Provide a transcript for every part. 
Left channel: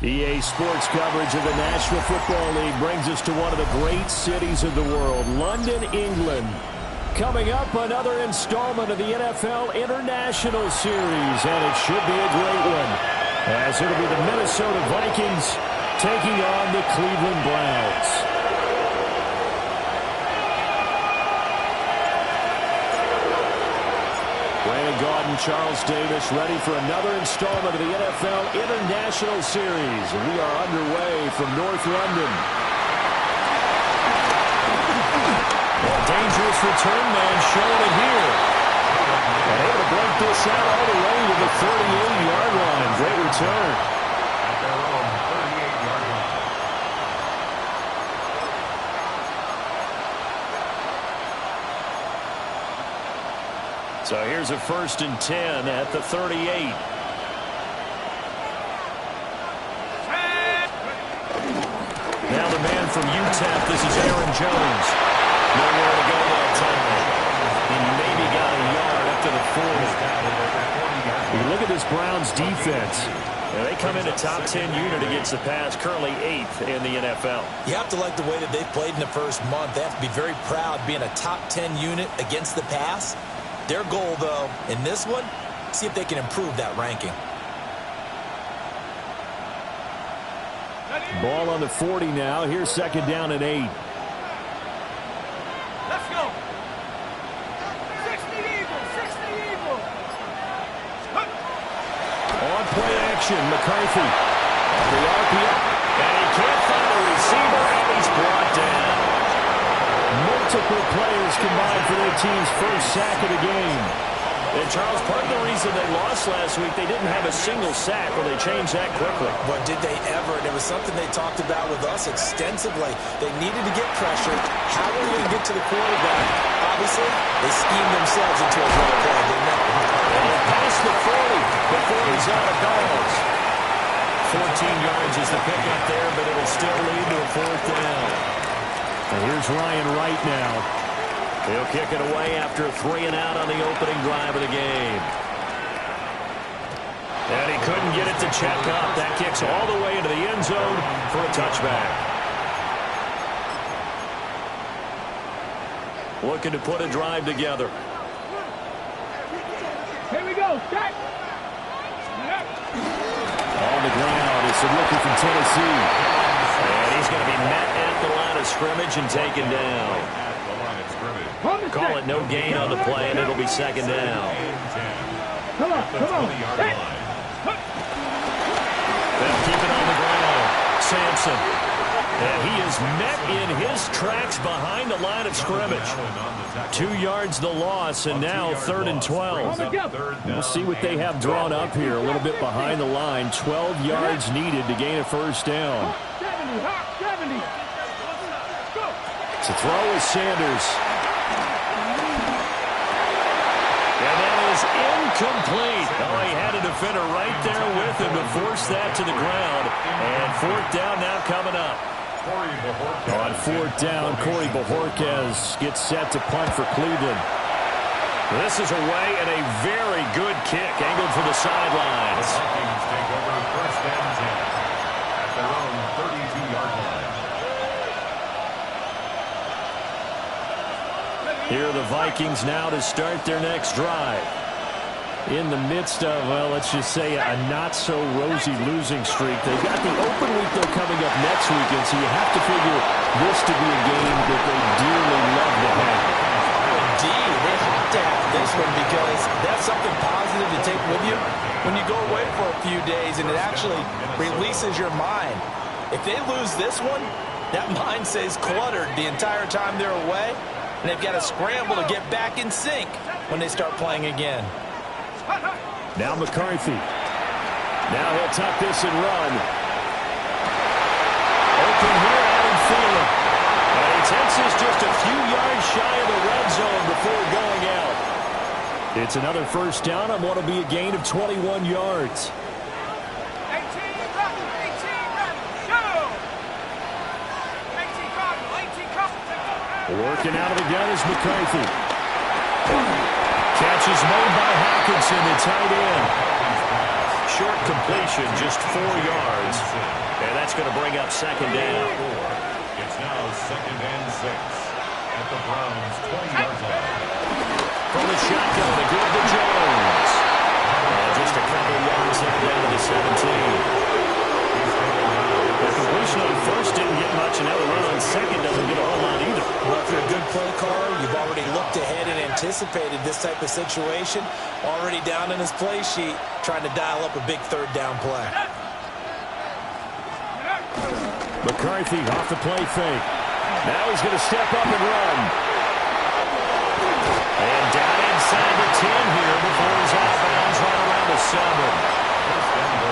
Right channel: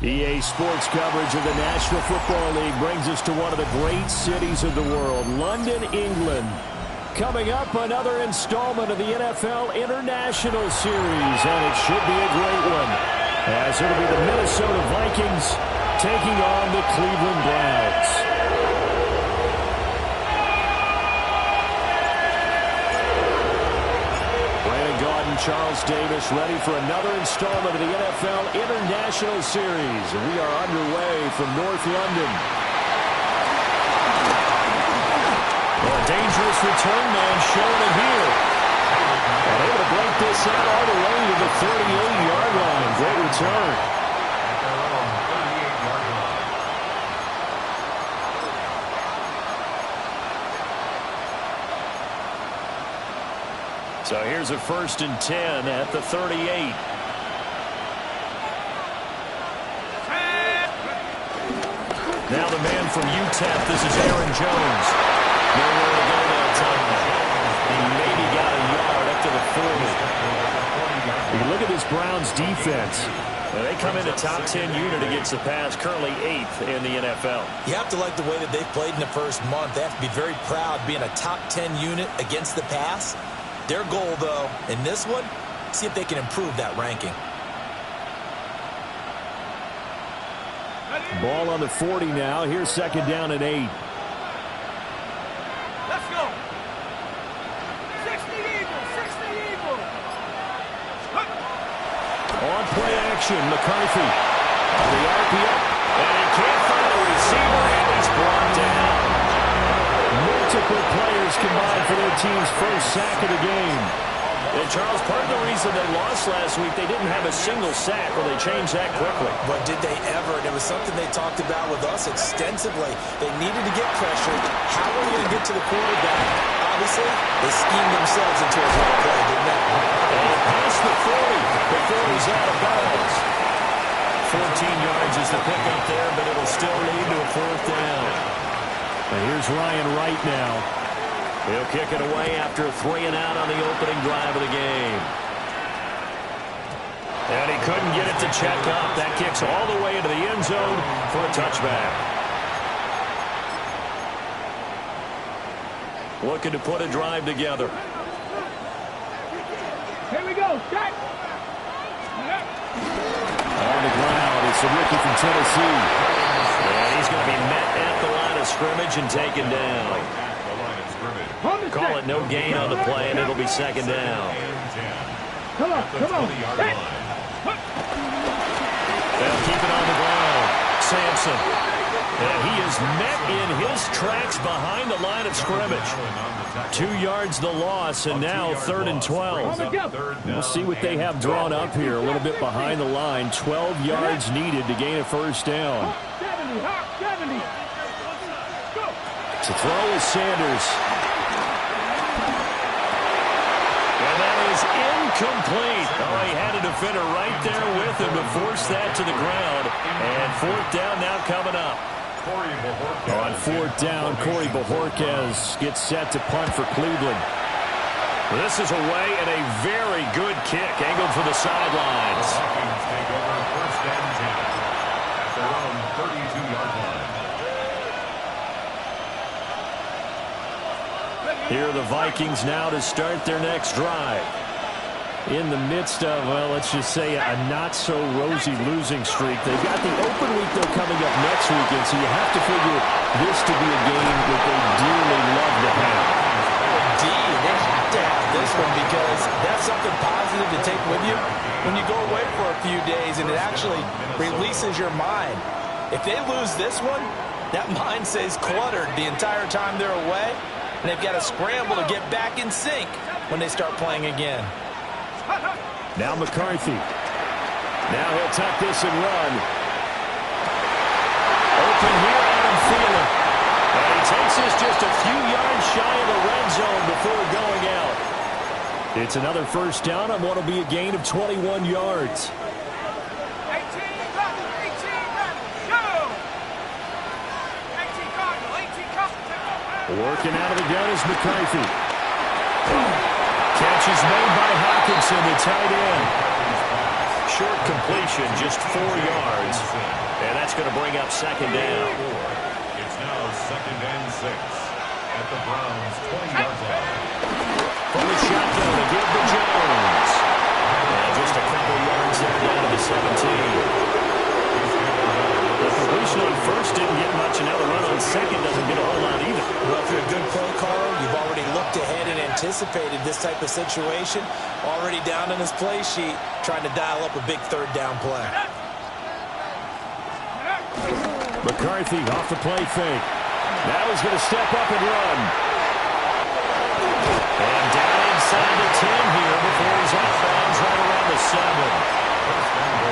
EA Sports coverage of the National Football League brings us to one of the great cities of the world, London, England. Coming up, another installment of the NFL International Series, and it should be a great one, as it'll be the Minnesota Vikings taking on the Cleveland Browns. Brandon Gaudin, Charles Davis, ready for another installment of the NFL International Series. And we are underway from North London. Well, a dangerous return man showing it here. And able to break this out all the way to the 38-yard line. Great return. At their own 38-yard line. So here's a 1st and 10 at the 38. Now the man from UTEP, this is Aaron Jones. Nowhere to go that time. He maybe got a yard up to the 40. You look at this Browns defense. Now they come in a top 10 unit against the pass, currently 8th in the NFL. You have to like the way that they've played in the first month. They have to be very proud being a top 10 unit against the pass. Their goal, though, in this one, see if they can improve that ranking. Ball on the 40 now. Here's 2nd down and 8. Let's go. 60 Eagles, 60 Eagles. On play action, McCarthy. On the RPO. And he can't find a receiver, and he's brought down. Multiple players combined for their team's first sack of the game. And, Charles, part of the reason they lost last week, they didn't have a single sack. Well, they changed that quickly. But did they ever? And it was something they talked about with us extensively. They needed to get pressure. How are we going to get to the quarterback? Obviously, they schemed themselves into a great play, didn't they? And past the 40 before he's out of bounds. 14 yards is the pickup there, but it'll still lead to a 4th down. And here's Ryan Wright now. He'll kick it away after a 3-and-out on the opening drive of the game. And he couldn't get it to check up. That kicks all the way into the end zone for a touchback. Looking to put a drive together. Here we go. Shot. On the ground, it's the rookie from Tennessee. And he's going to be met at the line of scrimmage and taken down. Call it no gain on the play, and it'll be 2nd down. Come on, come on. They'll keep it on the ground. Sampson. And he is met in his tracks behind the line of scrimmage. 2 yards the loss, and now 3rd and 12. We'll see what they have drawn up here. A little bit behind the line. 12 yards needed to gain a 1st down. 70. To throw is Sanders. And that is incomplete. Oh, he had a defender right there with him to force that to the ground. And 4th down now coming up. On 4th down, Corey Bojorquez gets set to punt for Cleveland. This is away and a very good kick angled for the sidelines. The Vikings take over 1st and 10 at their own 32-yard line. Here are the Vikings now to start their next drive. In the midst of, well, let's just say a not-so-rosy losing streak. They've got the open week, though, coming up next weekend, so you have to figure this to be a game that they dearly love to have. Indeed, they have to have this one because that's something positive to take with you when you go away for a few days, and it actually releases your mind. If they lose this one, that mind stays cluttered the entire time they're away, and they've got to scramble to get back in sync when they start playing again. Now McCarthy. Now he'll tuck this and run. Open here, Adam Thielen. And he takes this just a few yards shy of the red zone before going out. It's another first down on what will be a gain of 21 yards. 18 Cardinal. Working out of the gun is McCarthy. Catch is made by Hawkinson, the tight end. Short completion, just 4 yards. And that's going to bring up second down. It's now 2nd and 6 at the Browns' 20-yard line. From the shotgun to give to Jones. And just a couple yards there down to the 17. The completion on first didn't get much, and now the run on second doesn't get a whole lot either. Well, if you're a good play caller, you've already looked ahead and anticipated this type of situation. Already down in his play sheet, trying to dial up a big third down play. McCarthy off the play fake. Now he's going to step up and run. And down inside the 10 here before he's out of bounds right around the 7.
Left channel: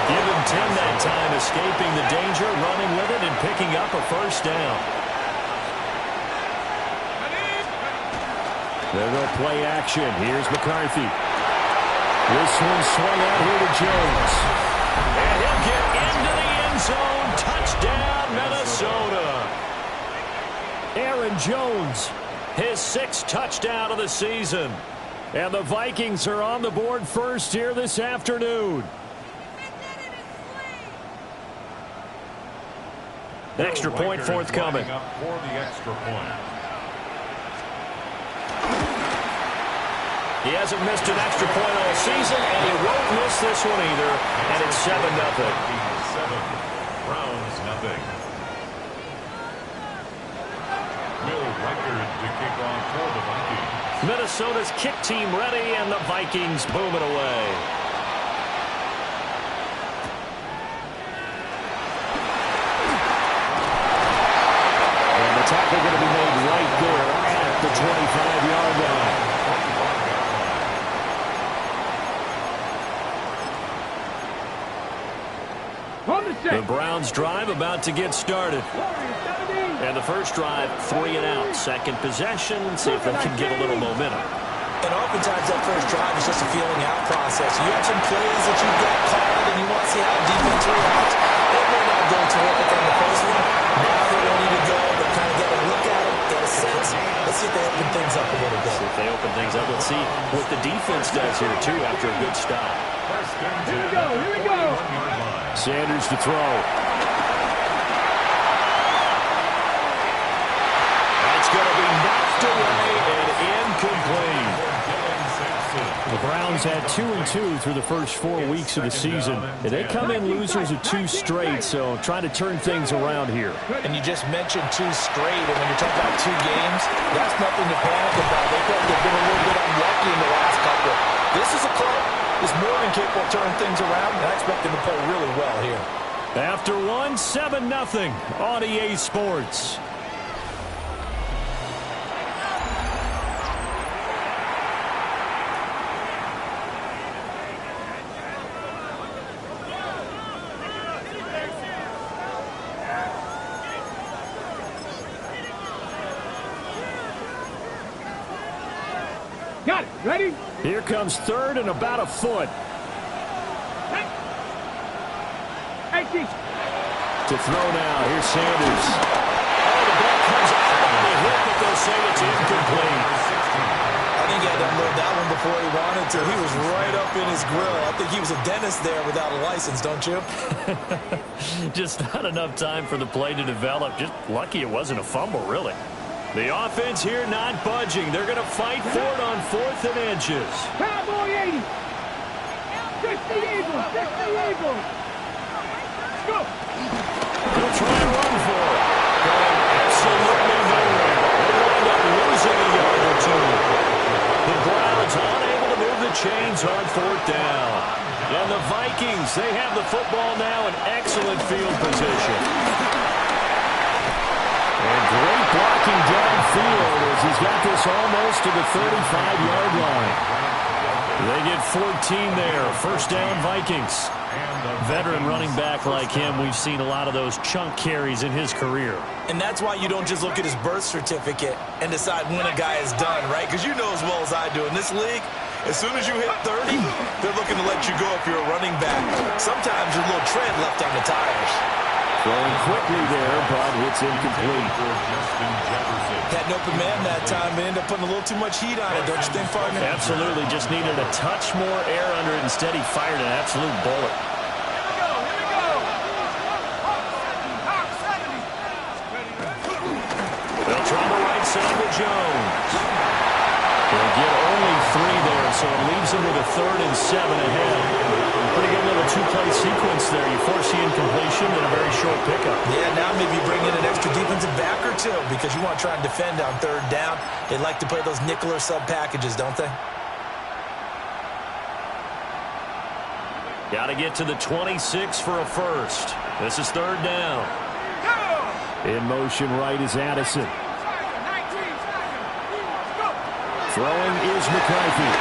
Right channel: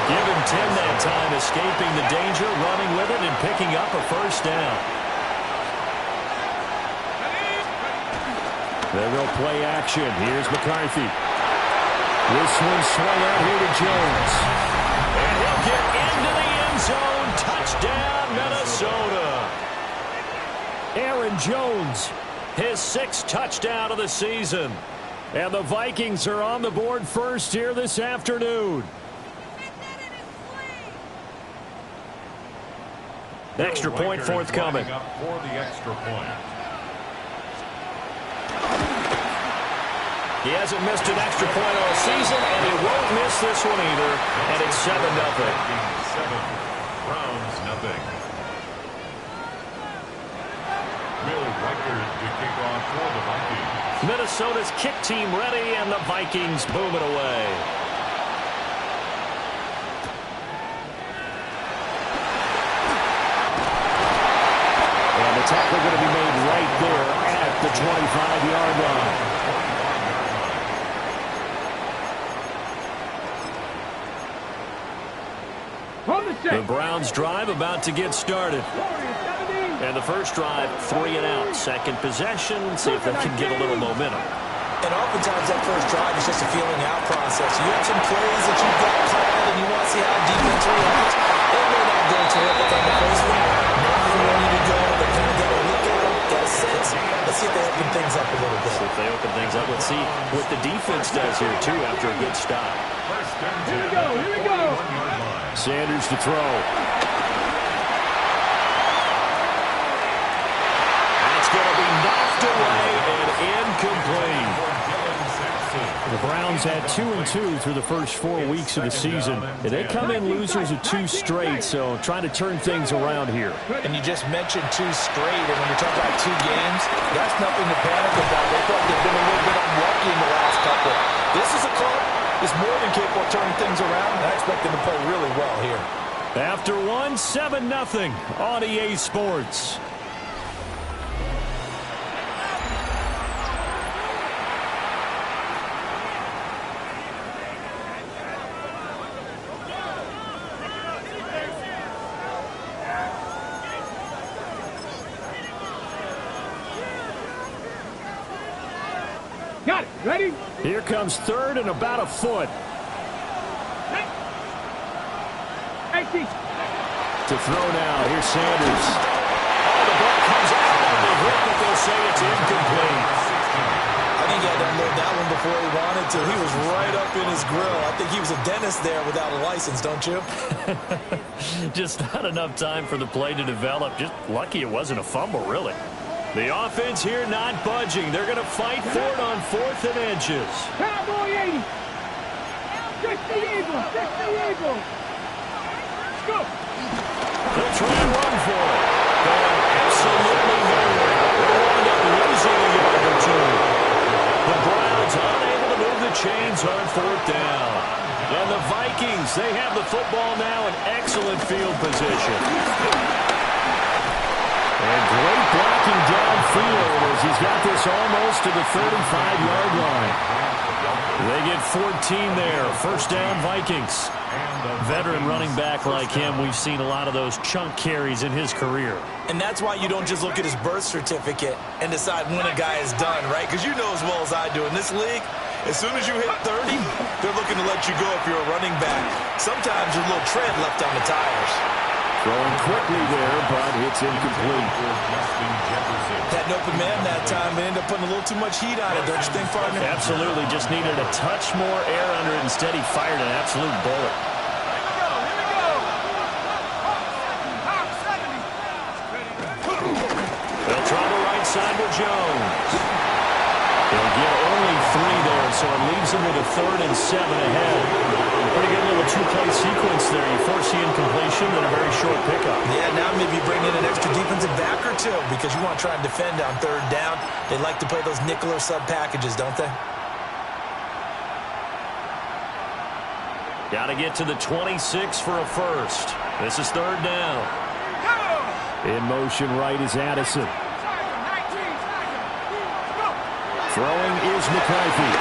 Give him 10 that time, escaping the danger, running with it, and picking up a first down. They'll go play action. Here's McCarthy. This one swung out here to Jones. And he'll get into the end zone. Touchdown, Minnesota. Aaron Jones, his 6th touchdown of the season. And the Vikings are on the board first here this afternoon. Extra point forthcoming. For the extra point. He hasn't missed an extra point all season, and he won't miss this one either. And it's 7-0. 7, Browns nothing. Will Reichard to kick off for the Vikings. Minnesota's kick team ready, and the Vikings boom it away. And the tackle going to be made right there at the 25-yard line. The Browns drive about to get started. And the first drive, 3 and out. Second possession, see if they can get a little momentum. And oftentimes that first drive is just a feeling out process. You have some plays that you've got called and you want to see how defense reacts. It may not go terrific on the first one. Now they're ready to go. They kind of got a look at them, got a sense. Let's see if they open things up a little bit. See if they open things up. Let's see what the defense does here, too, after a good stop. Here we go, here we go. Sanders to throw. That's going to be knocked away and incomplete. The Browns had 2-2 through the first 4 weeks of the season. And they come in losers of 2 straight, so trying to turn things around here. And you just mentioned 2 straight, and when you're talking about 2 games, that's nothing to panic about. They felt they've been a little bit unlucky in the last couple. This is a club that's more than capable of turning things around, and I expect them to play really well here. After one, 7-0 on EA Sports. Got it. Ready? Here comes third and about a foot. To throw now. Here's Sanders. Oh, the ball comes out on the hit, but they'll say it's incomplete. I think he had to unload that one before he wanted to. He was right up in his grill. I think he was a dentist there without a license, don't you? Just not enough time for the play to develop. Just lucky it wasn't a fumble, really. The offense here not budging. They're going to fight for it on 4th and inches. Cowboy 80. 60 Eagles. 60 Eagles. Let's go. They'll try and run for it. Going absolutely nowhere. They'll wind up losing a yard or 2. The Browns unable to move the chains on 4th down. And the Vikings, they have the football now in excellent field position. And great blocking downfield as he's got this almost to the 35-yard line. They get 14 there. First down, Vikings. Veteran running back like him, we've seen a lot of those chunk carries in his career. And that's why you don't just look at his birth certificate and decide when a guy is done, right? Because you know as well as I do, in this league, as soon as you hit 30, they're looking to let you go if you're a running back. Sometimes there's a little tread left on the tires. Throwing quickly there, but it's incomplete. Had an open man that time, but ended up putting a little too much heat on it, don't you think, partner? Absolutely. Just needed a touch more air under it. Instead, he fired an absolute bullet. Here we go. They'll try the right side with Jones. He'll get only 3 there, so it leaves him with a 3rd and 7 ahead. Pretty good little two-play sequence there. You force the incompletion and a very short pickup. Yeah, now maybe bring in an extra defensive back or two because you want to try and defend on 3rd down. They like to play those nickel or sub packages, don't they? Got to get to the 26 for a first. This is 3rd down. In motion right is Addison. Throwing is McCarthy.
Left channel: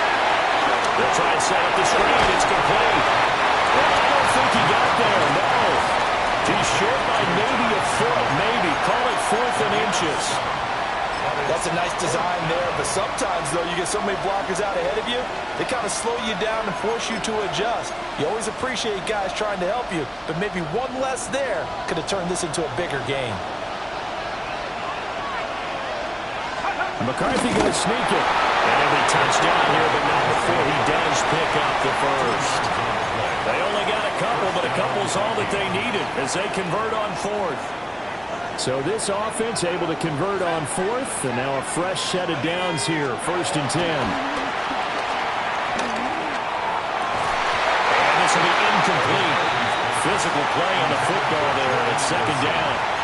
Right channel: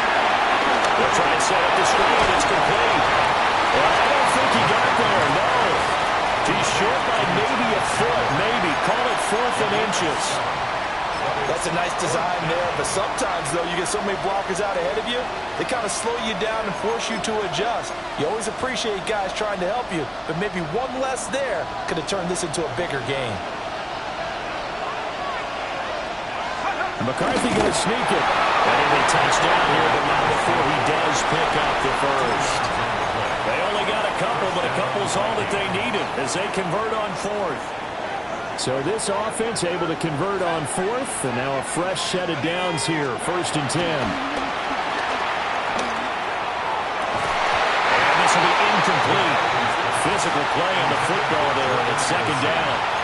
They'll try and set up the screen. It's complete. And I don't think he got there, no. He's short by maybe a foot, maybe. Call it 4th and inches. That's a nice design there, but sometimes, though, you get so many blockers out ahead of you, they kind of slow you down and force you to adjust. You always appreciate guys trying to help you, but maybe one less there could have turned this into a bigger game. McCarthy going to sneak it. And it'll be touchdown here, but not before he does pick up the first. They only got a couple, but a couple's all that they needed as they convert on 4th. So this offense able to convert on 4th, and now a fresh set of downs here, 1st and 10. And this will be incomplete. Physical play on the football there, and it's 2nd down.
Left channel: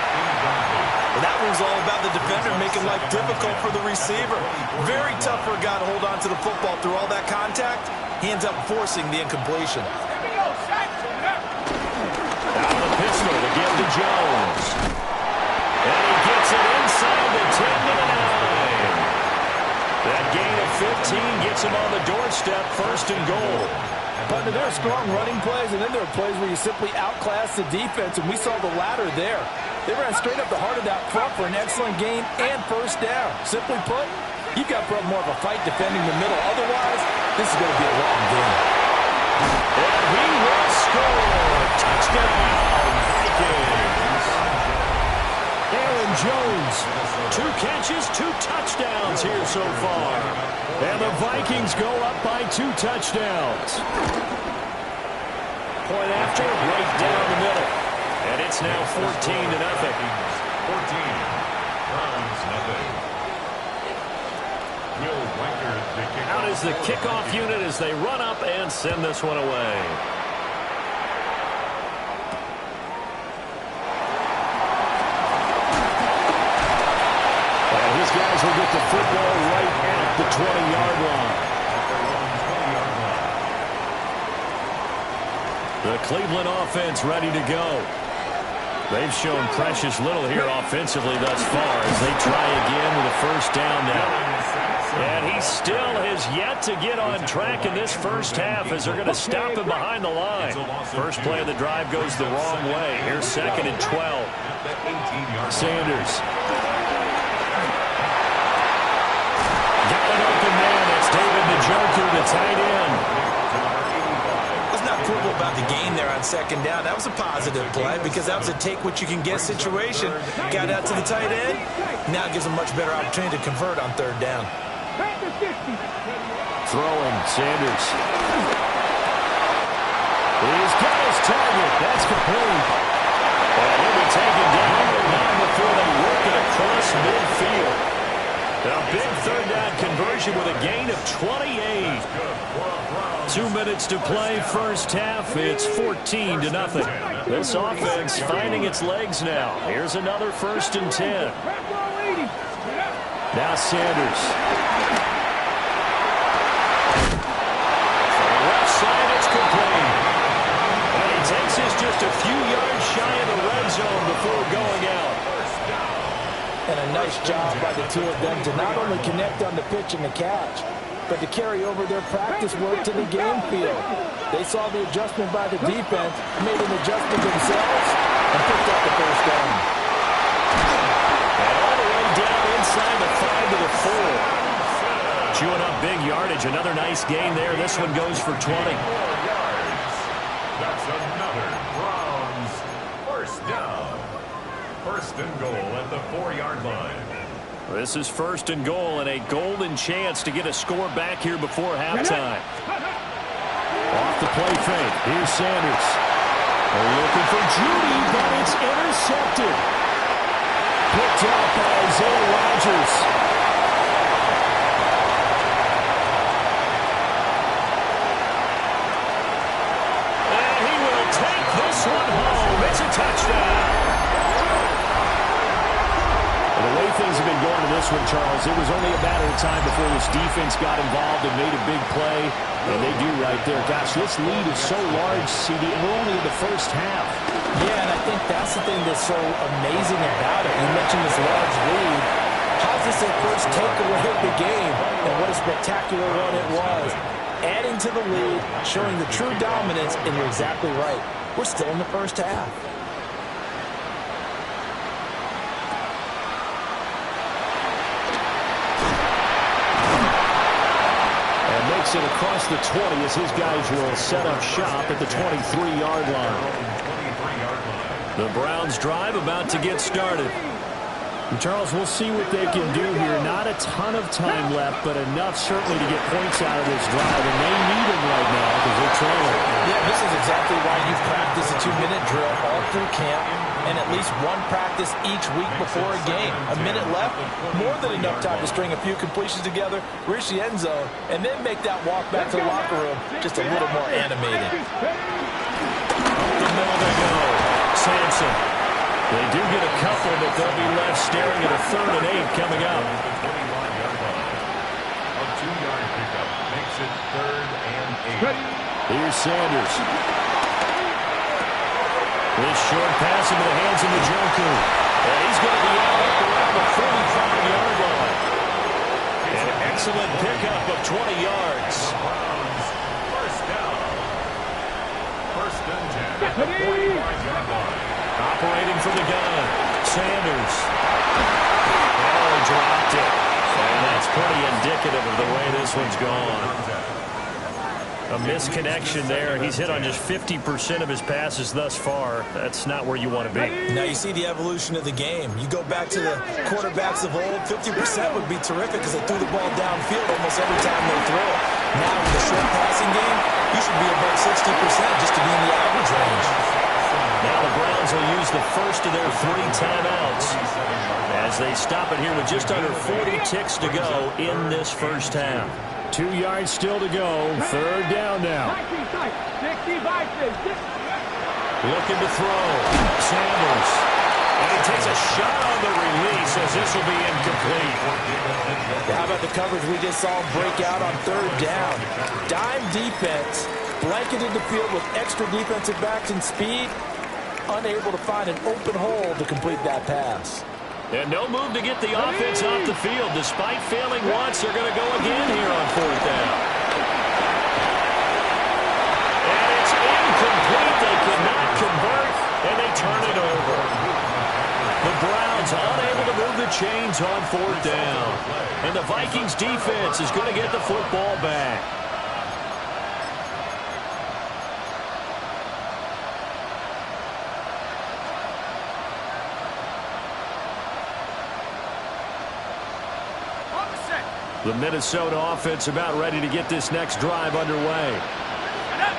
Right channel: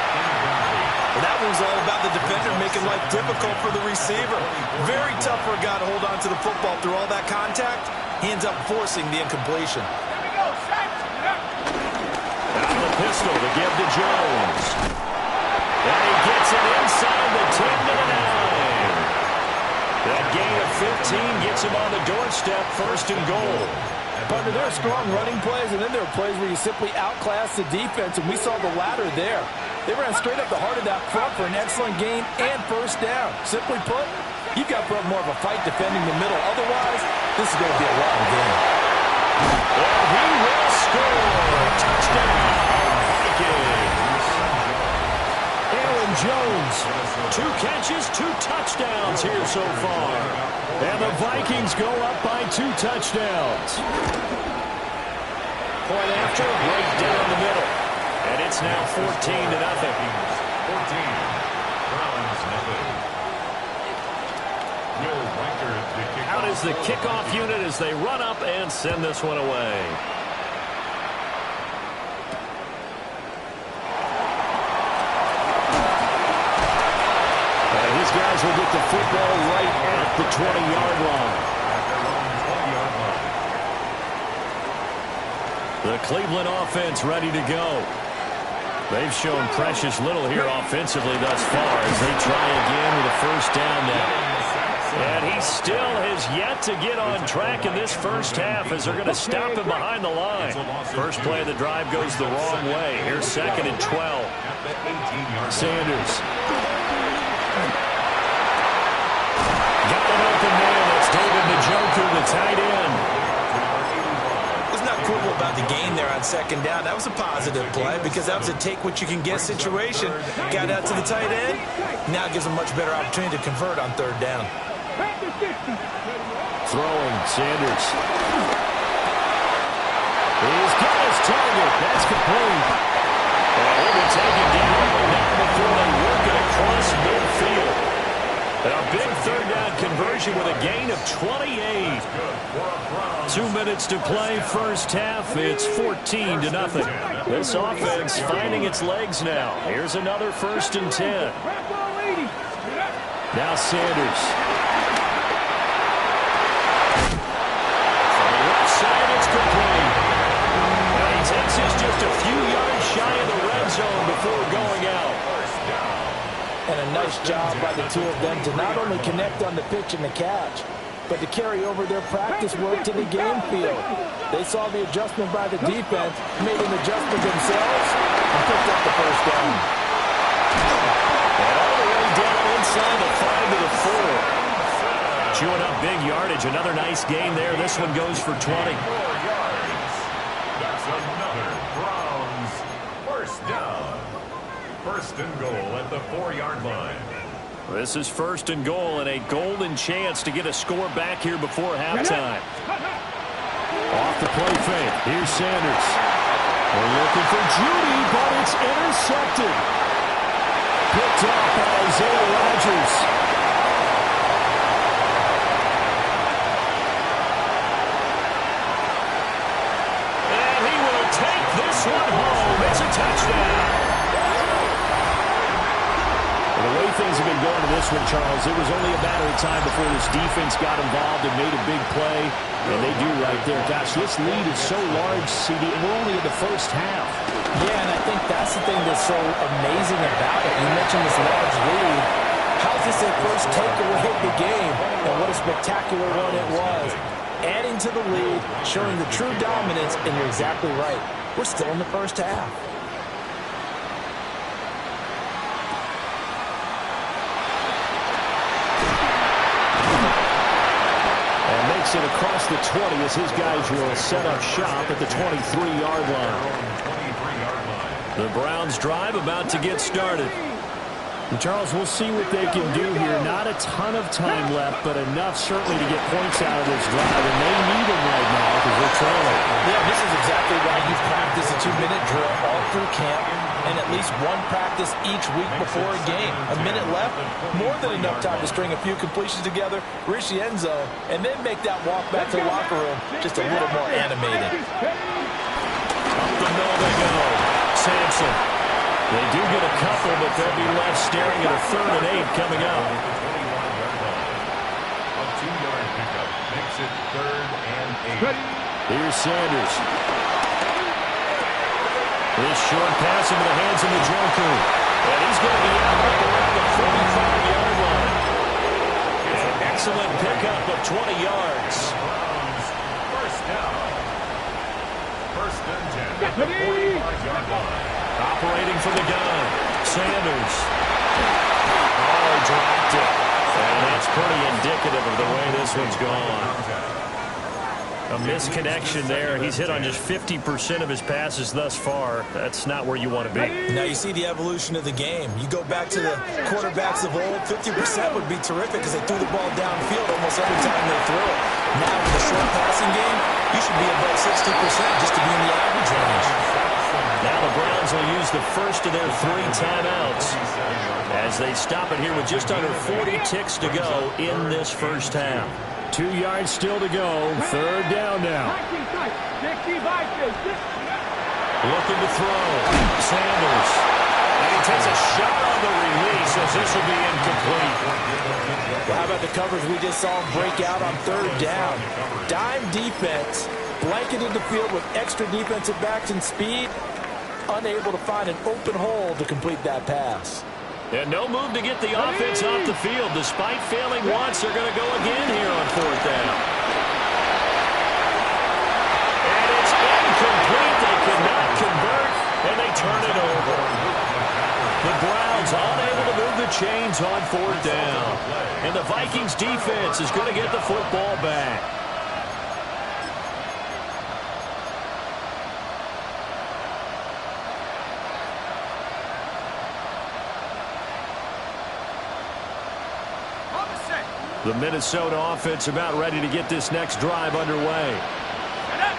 Well, that one's all about the defender making life difficult for the receiver. Very tough for a guy to hold on to the football through all that contact. He ends up forcing the incompletion. Here we go, Out of the pistol to give to Jones. And he gets it inside the 10 to the 9. That gain of 15 gets him on the doorstep, 1st and goal. But there are strong running plays, and then there are plays where you simply outclass the defense, and we saw the latter there. They ran straight up the heart of that front for an excellent gain and 1st down. Simply put, you've got to put up more of a fight defending the middle. Otherwise, this is going to be a long game. And he will score. Touchdown, Vikings. Aaron Jones, 2 catches, 2 touchdowns here so far. And the Vikings go up by 2 touchdowns. Point after, right down the middle. And it's now 14-0. 14. Browns nothing. Out is the kickoff unit as they run up and send this one away. And his guys will get the football right at the 20-yard line. At their own 20-yard line. The Cleveland offense ready to go. They've shown precious little here offensively thus far as they try again with a 1st down now. And he still has yet to get on track in this first half as they're going to stop him behind the line. First play of the drive goes the wrong way. Here's 2nd and 12. Sanders. Got an open man. That's David Njoku, the tight end. Let's not quibble about the gain there on 2nd down. That was a positive play because that was a take-what-you-can-get situation. Got out to the tight end. Now it gives them a much better opportunity to convert on 3rd down. Throwing, Sanders. He's got his target. That's complete. And he'll be taken down, but not before they work it across midfield. A big 3rd down conversion with a gain of 28. 2 minutes to play first half. It's 14-0. This offense finding its legs now. Here's another 1st and 10. Now Sanders. From the left side, it's complete. And he takes us just a few yards shy of the red zone before going out. And a nice job by the two of them to not only connect on the pitch and the catch, but to carry over their practice work to the game field. They saw the adjustment by the defense, made an adjustment themselves, and picked up the first down. And all the way down inside the 5 to the 4. Chewing up big yardage. Another nice gain there. This one goes for 20. 4 yards. That's another Browns first down. First and goal at the 4-yard line. This is first and goal and a golden chance to get a score back here before halftime. Off the play fake. Here's Sanders. They're looking for Judy, but it's intercepted. Picked off by Isaiah Rodgers. And he will take this one home. It's a touchdown. The way things have been going to this one, Charles, it was only a matter of time before this defense got involved and made a big play. And they do right there. Gosh, this lead is so large, CD, and we're only in the first half. Yeah, and I think that's the thing that's so amazing about it. You mentioned this large lead. How's this their first takeaway of the game? And what a spectacular one it was. Adding to the lead, showing the true dominance, and you're exactly right. We're still in the first half. Makes it across the 20 as his guys will set up shop at the 23-yard line. The Browns drive about to get started. And Charles, we'll see what they can do here. Not a ton of time left, but enough certainly to get points out of this drive, and they need them right now because they're trailing. Yeah, this is exactly why you practice a 2-minute drill all through camp and at least one practice each week before a game. A minute left, more than enough time to string a few completions together, reach the end zone, and then make that walk back to the locker room just a little more animated. Up the middle they go. Sampson. They do get a couple, but they'll be left staring at a 3rd and 8 coming up. A 2-yard pickup makes it 3rd and 8. Here's Sanders. This short pass into the hands of Njoku. And he's going to be out up around the 45-yard line. An excellent pickup of 20 yards. Browns first down. First and 10 at the 45-yard line. Operating from the gun. Sanders. Oh, he dropped it. And that's pretty indicative of the way this one's gone. A misconnection there. He's hit on just 50% of his passes thus far. That's not where you want to be. Now you see the evolution of the game. You go back to the quarterbacks of old, 50% would be terrific because they threw the ball downfield almost every time they threw it. Now with the short passing game, you should be above 60% just to be in the average range. Now the Browns will use the first of their 3 timeouts as they stop it here with just under 40 ticks to go in this first half. 2 yards still to go. 3rd down now. Looking to throw. Sanders. And he takes a shot on the release as this will be incomplete. How about the coverage we just saw break out on 3rd down? Dime defense, blanketed the field with extra defensive backs and speed, unable to find an open hole to complete that pass. And no move to get the offense off the field. Despite failing once, they're going to go again here on 4th down. And it's incomplete. They cannot convert, and they turn it over. The Browns unable to move the chains on 4th down. And the Vikings defense is going to get the football back. The Minnesota offense about ready to get this next drive underway.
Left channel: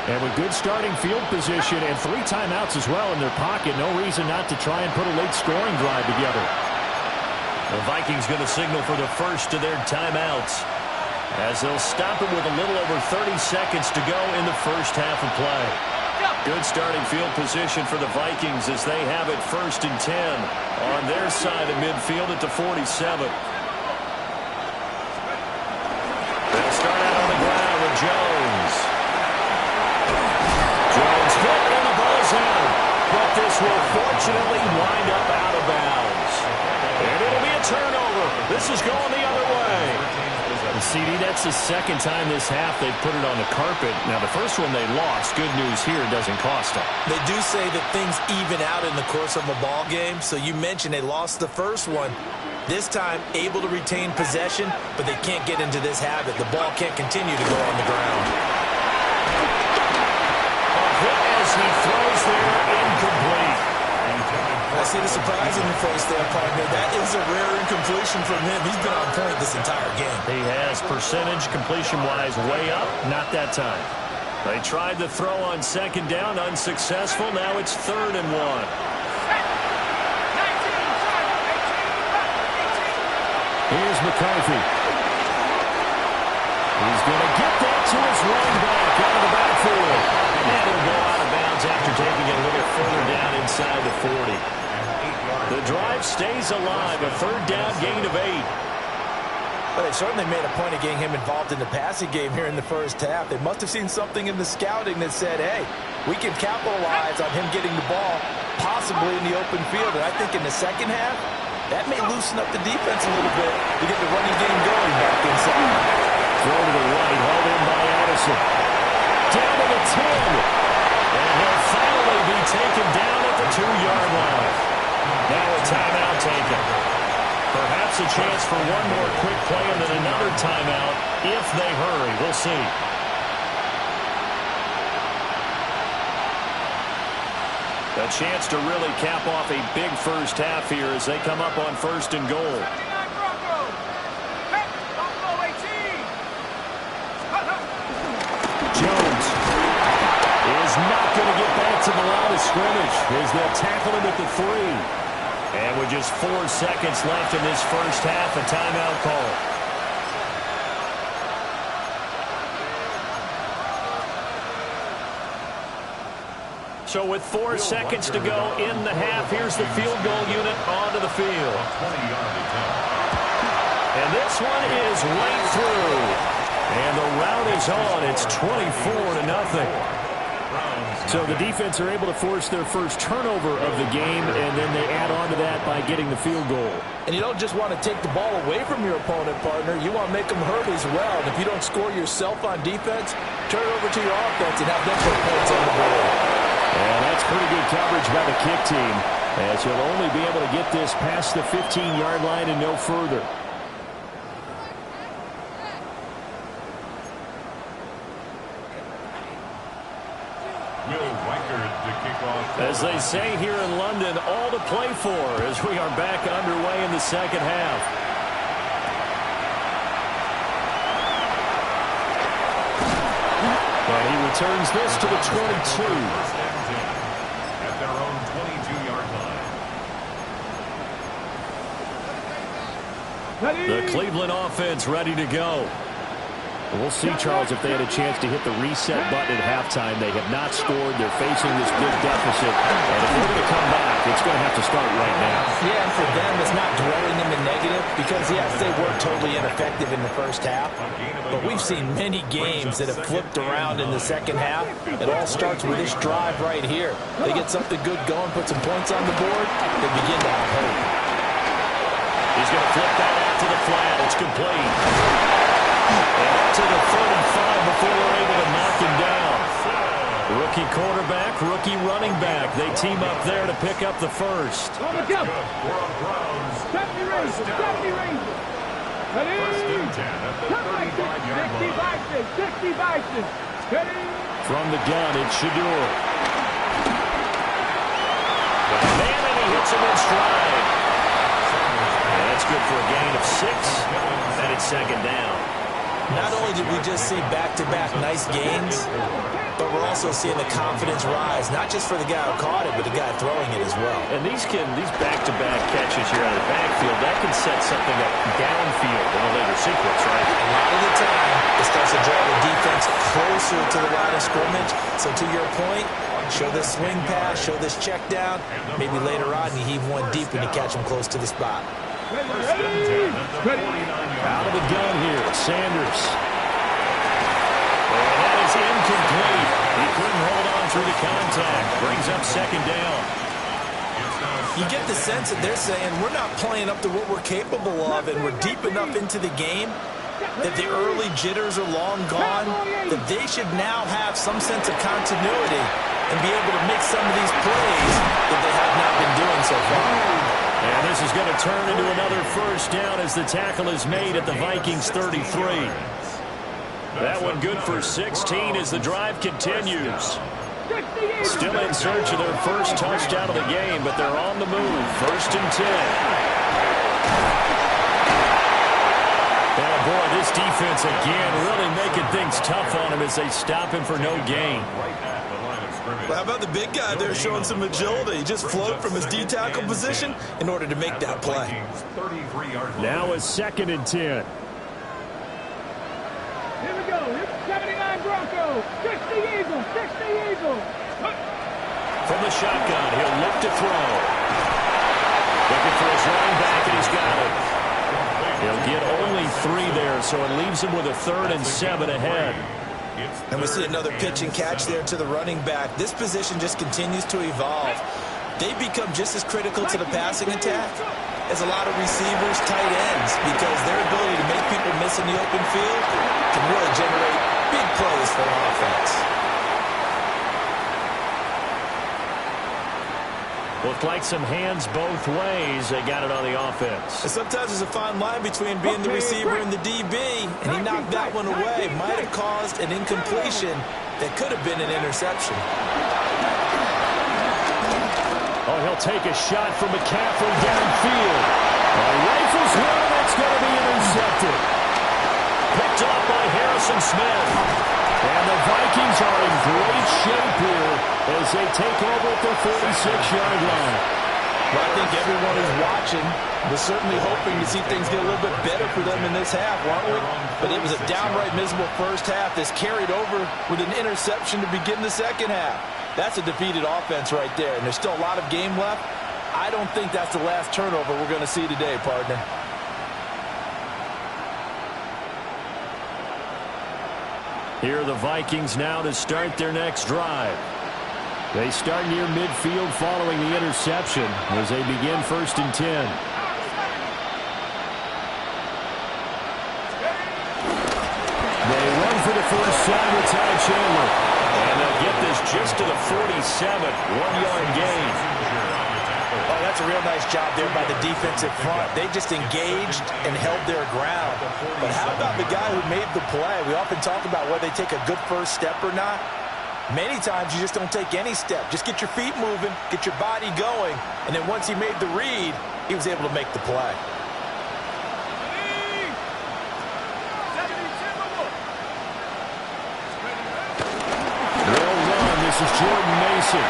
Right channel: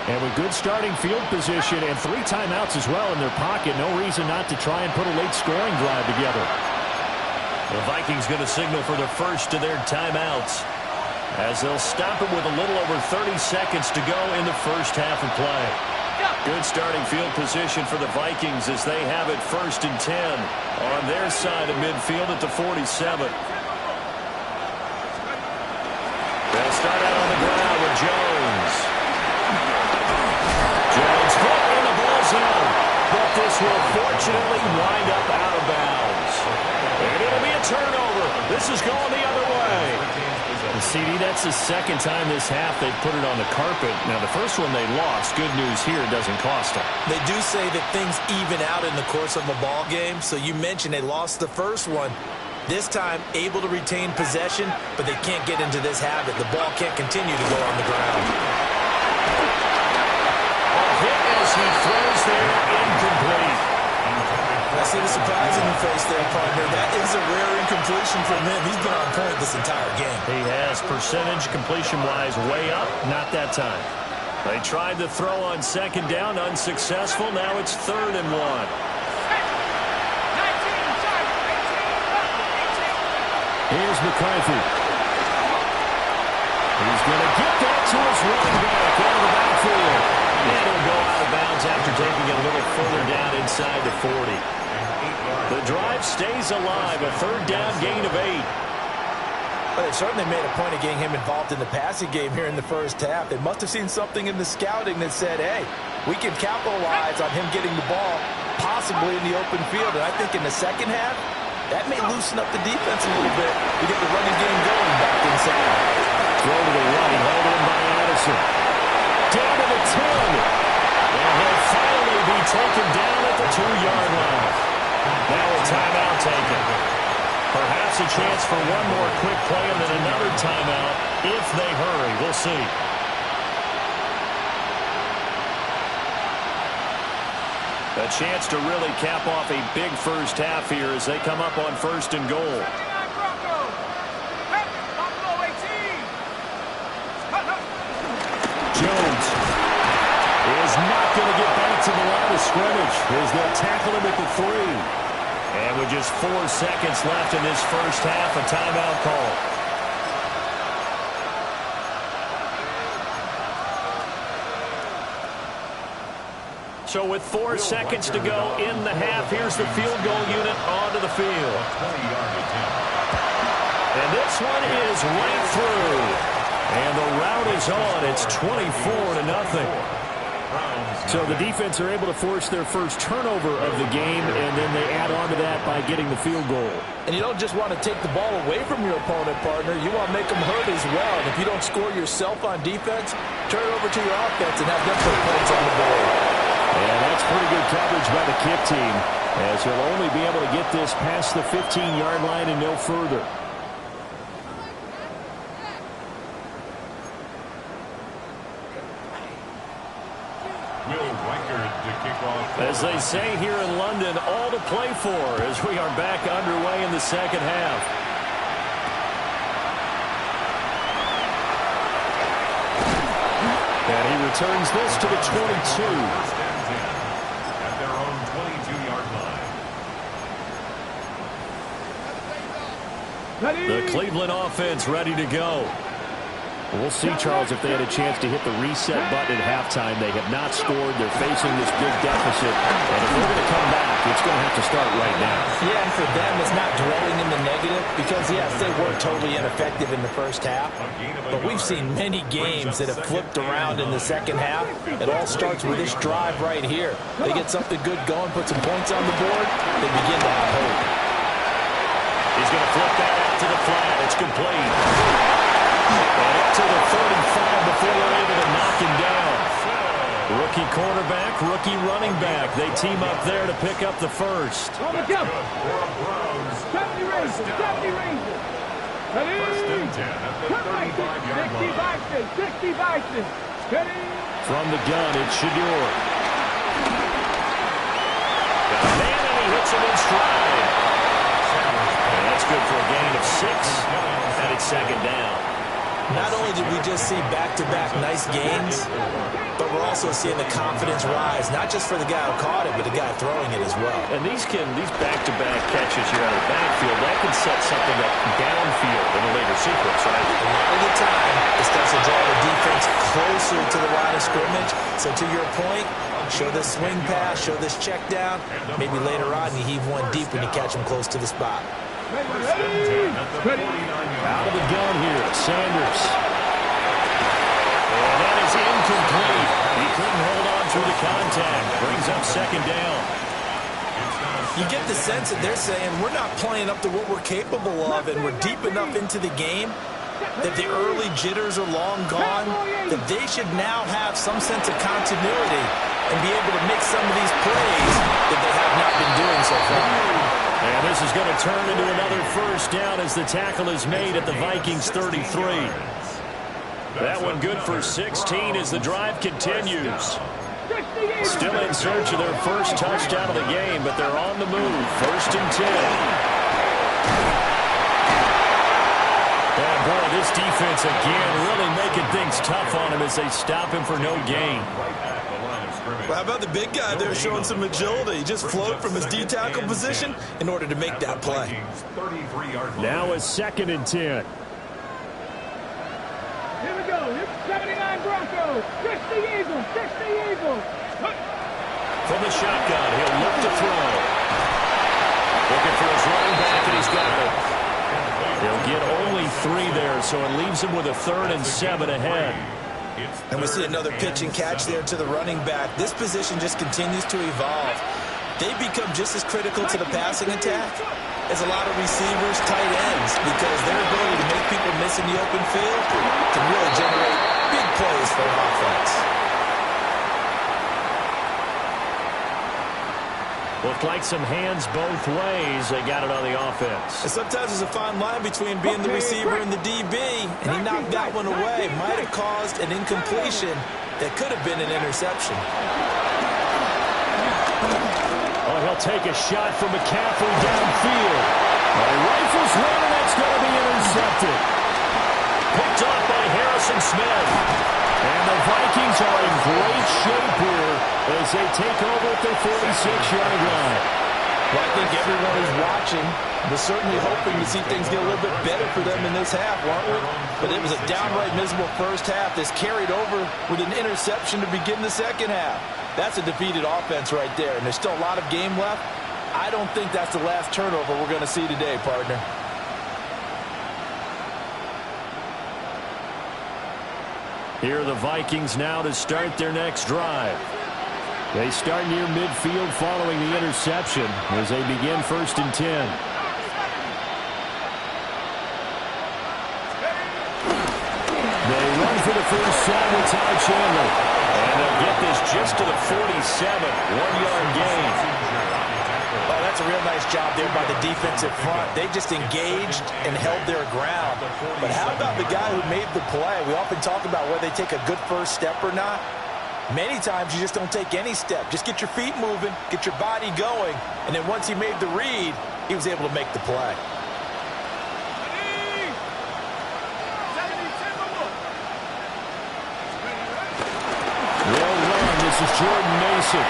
And with good starting field position and 3 timeouts as well in their pocket, no reason not to try and put a late scoring drive together. The Vikings going to signal for the first of their timeouts as they'll stop it with a little over 30 seconds to go in the first half of play. Good starting field position for the Vikings as they have it 1st and 10 on their side of midfield at the 47. They'll start out on the ground with Jones. Jones hit and the ball's out. The But this will fortunately wind up out of bounds. And it'll be a turnover. This is going the other way. And CD, that's the second time this half they've put it on the carpet. Now, the first one they lost. Good news here, it doesn't cost them. They do say that things even out in the course of a ball game. So you mentioned they lost the first one. This time, able to retain possession, but they can't get into this habit. The ball can't continue to go on the ground. A hit as he throws there, incomplete. I see the surprise in your face there, partner. That is a rare incompletion from him. He's been on point this entire game. He has percentage completion-wise way up, not that time. They tried to throw on second down, unsuccessful. Now it's 3rd and 1. Here's McCarthy. He's going to get that to his running back out of the backfield. And he'll go out of bounds after taking it a little further down inside the 40. The drive stays alive, a 3rd down gain of 8. Well, they certainly made a point of getting him involved in the passing game here in the first half. They must have seen something in the scouting that said, hey, we can capitalize on him getting the ball, possibly in the open field. And I think in the second half, that may loosen up the defense a little bit to get the running game going back inside. Throw to the right, hauled in by Addison. Down to the 10. And he'll finally be taken down at the 2-yard line. Now a timeout taken. Perhaps a chance for one more quick play and then another timeout if they hurry. We'll see. A chance to really cap off a big first half here as they come up on 1st and goal. Jones is not going to get back to the line of scrimmage as they'll tackle him at the 3. And with just 4 seconds left in this first half, a timeout call. So with 4 seconds to go in the half, here's the field goal unit onto the field. And this one is right through. And the route is on. It's 24-0. So the defense are able to force their first turnover of the game, and then they add on to that by getting the field goal. And you don't just want to take the ball away from your opponent, partner. You want to make them hurt as well. And if you don't score yourself on defense, turn it over to your offense and have them put points on the board. And that's pretty good coverage by the kick team, as he'll only be able to get this past the 15-yard line and no further. As they say here in London, all to play for as we are back underway in the second half. And he returns this to the 22. First and 10 at their own 22-yard line. The Cleveland offense ready to go. We'll see, Charles, if they had a chance to hit the reset button at halftime. They have not scored. They're facing this big deficit. And if they're going to come back, it's going to have to start right now. Yeah, and for them, it's not dwelling in the negative because, yes, they were totally ineffective in the first half. But we've seen many games that have flipped around in the second half. It all starts with this drive right here. They get something good going, put some points on the board, they begin to have hope. He's going to flip that out to the flat. It's complete. And up to the 35 before they're able to knock him down. Rookie quarterback, rookie running back. They team up there to pick up the first. First and 10 at the 35-yard line. From the gun, it's Shador. Got a man, and he hits him in stride. And that's good for a gain of 6, and it's second down. Not only did we just see back-to-back nice gains, but we're also seeing the confidence rise, not just for the guy who caught it, but the guy throwing it as well. And these back-to-back catches here out of the backfield, that can set something up downfield in a later sequence, right? A lot of the time, it starts to draw the defense closer to the line of scrimmage. So to your point, show this swing pass, show this check down. Maybe later on you heave one deep when you catch him close to the spot. First and 10 at the 49-yard Out of the gun here, Sanders. And that is incomplete. He couldn't hold on through the contact. Brings up second down. You get the sense that they're saying we're not playing up to what we're capable of, and we're deep enough into the game that the early jitters are long gone, that they should now have some sense of continuity and be able to make some of these plays that they have not been doing so far. And this is going to turn into another first down as the tackle is made at the Vikings 33. That one good for 16 as the drive continues. Still in search of their first touchdown of the game, but they're on the move. First and 10. And boy, this defense again really making things tough on him as they stop him for no gain. Well, how about the big guy there showing some agility? He just float from his D-tackle position in order to make that play. Now it's second and 10. Here we go. 79 Broncos. 60 Eagles. 60 Eagles. From the shotgun, he'll look to throw. Looking for his running back, and he's got it. He'll get only 3 there, so it leaves him with a 3rd and 7 ahead. And we see another pitch and catch there to the running back. This position just continues to evolve. They become just as critical to the passing attack as a lot of receivers, tight ends, because their ability to make people miss in the open field can really generate big plays for an offense. Looked like some hands both ways. They got it on the offense. And sometimes there's a fine line between being the receiver and the DB, and he knocked that one away. Might have caused an incompletion that could have been an interception. Oh, he'll take a shot from McCaffrey downfield. He rifles one, and that's going to be intercepted. Picked off by Harrison Smith. And the Vikings are in great shape here as they take over at their 46-yard line. Well, I think everyone who's watching was certainly hoping to see things get a little bit better for them in this half, weren't we? But it was a downright miserable first half that's carried over with an interception to begin the second half. That's a defeated offense right there, and there's still a lot of game left. I don't think that's the last turnover we're going to see today, partner. Here are the Vikings now to start their next drive. They start near midfield following the interception as they begin first and 10. They run for the first time with Ty Chandler. And they'll get this just to the 47, 1-yard gain. Oh, that's a real nice job there by the defensive front. They just engaged and held their ground. But how about the guy who made the play? We often talk about whether they take a good first step or not. Many times you just don't take any step. Just get your feet moving, get your body going, and then once he made the read, he was able to make the play. They'll run. This is Jordan Mason.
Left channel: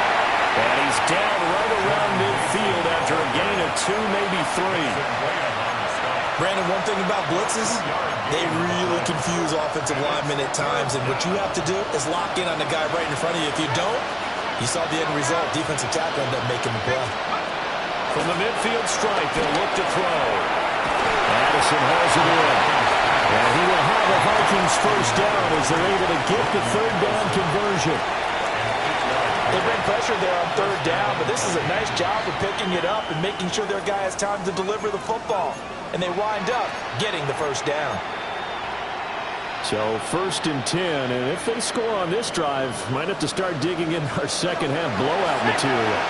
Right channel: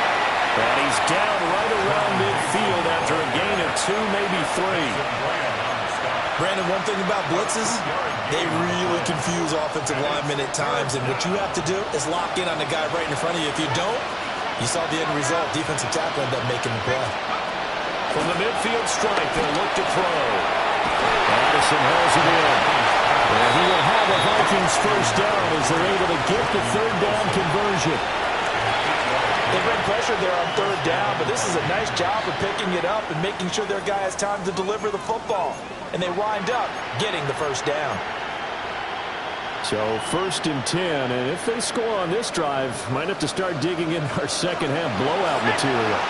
And he's down right around midfield after a gain of 2, maybe 3. Brandon, one thing about blitzes, they really confuse offensive linemen at times, and what you have to do is lock in on the guy right in front of you. If you don't, you saw the end result. Defensive tackle ended up making the play. From the midfield stripe, they'll look to throw. Addison hauls it in. And he will have a Vikings first down as they're able to get the 3rd down conversion. They bring pressure there on 3rd down, but this is a nice job of picking it up and making sure their guy has time to deliver the football. And they wind up getting the first down. So first and 10, and if they score on this drive, might have to start digging in our second half blowout material.